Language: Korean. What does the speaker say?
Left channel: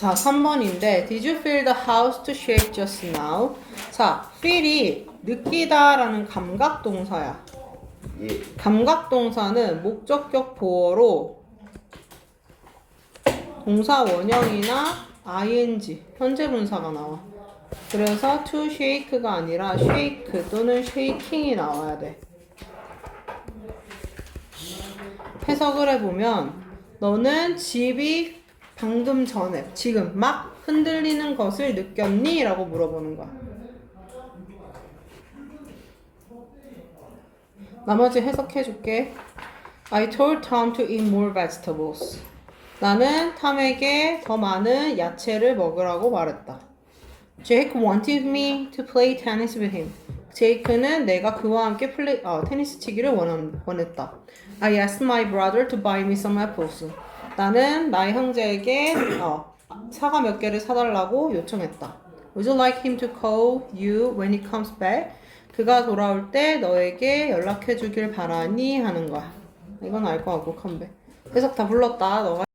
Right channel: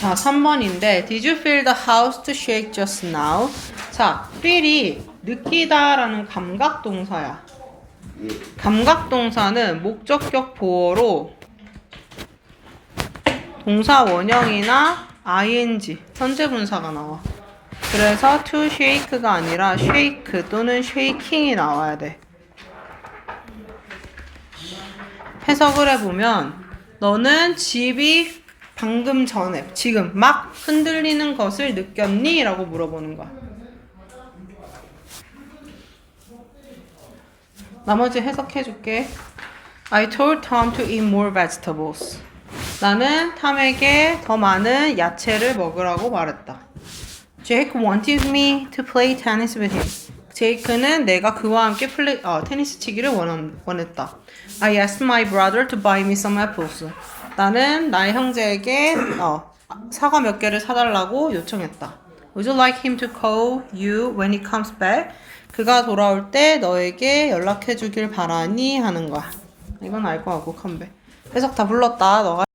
자, 3번인데 Did you feel the house to shake just now? 자, feel이 느끼다라는 감각 동사야. 예. 감각 동사는 목적격 보어로 동사 원형이나 ing 현재 분사가 나와. 그래서 to shake가 아니라 shake 또는 shaking이 나와야 돼. 해석을 해보면 너는 집이 방금 전에 지금 막 흔들리는 것을 느꼈니? 라고 물어보는 거야. 나머지 해석해 줄게. I told Tom to eat more vegetables. 나는 탐에게 더 많은 야채를 먹으라고 말했다. Jake wanted me to play tennis with him. 제이크는 내가 그와 함께 플레이, 어, 테니스 치기를 원한, 원했다. I asked my brother to buy me some apples. 나는 나의 형제에게 어, 사과 몇 개를 사달라고 요청했다. Would you like him to call you when he comes back? 그가 돌아올 때 너에게 연락해 주길 바라니 하는 거야. 이건 알 거 같고 컴백. 해석 다 불렀다. 너가